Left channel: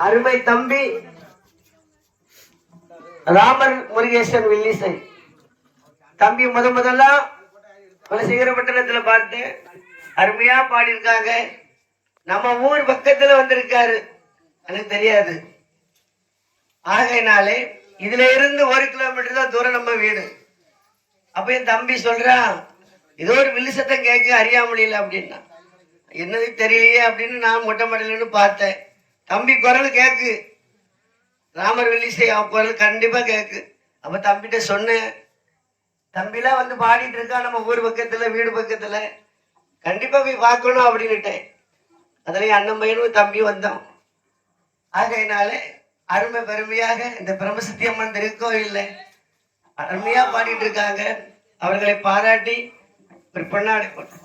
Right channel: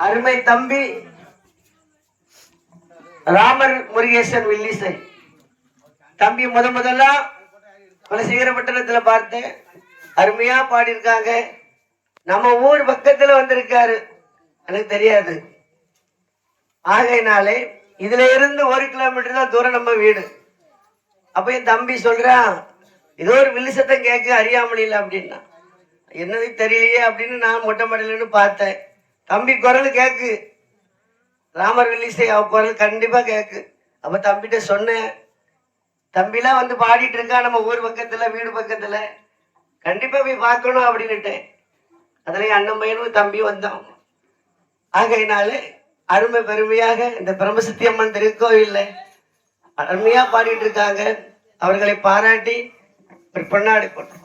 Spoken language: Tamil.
அருமை தம்பி ராமர் முருகேசன் வில்லிசை தம்பி முதல்ல குலசேகரப்பட்டினத்துல பார்த்தேன். அருமையா பாடியிருக்காங்க. நம்ம ஊர் பக்கத்துல வந்திருக்காரு, எனக்கு தெரியாது. ஆகையினாலே இதுல இருந்து 1 கிலோமீட்டர் தான் தூரம் நம்ம வீடு. அப்ப என் தம்பி சொல்றான், ஏதோ ஒரு வில்லு சத்தம் கேட்க அறியாமலில்ல அப்படின்னா. என்னது தெரியலையே அப்படின்னு நான் மொட்டை மடலுன்னு பார்த்தேன். தம்பி குரல் கேக்கு, ராமர் வில்லிசை அவ குரல் கண்டிப்பா கேக்கு. அப்ப தம்பிகிட்ட சொன்னேன், தம்பிலாம் வந்து பாடிட்டு இருக்கா நம்ம ஊர் பக்கத்துல வீடு பக்கத்துல, கண்டிப்பா போய் பார்க்கணும் அப்படின்னுட்டேன். அதுலயும் அண்ணன் பையனும் தம்பி வந்தோம். ஆகையினாலே அருமை பெருமையாக இந்த பிரம்மசக்தி அம்மன் திருக்கோயில்ல அருமையா பாடிட்டு இருக்காங்க. அவர்களை பாராட்டி ஒரு பொன்னாடை போட்டோம்.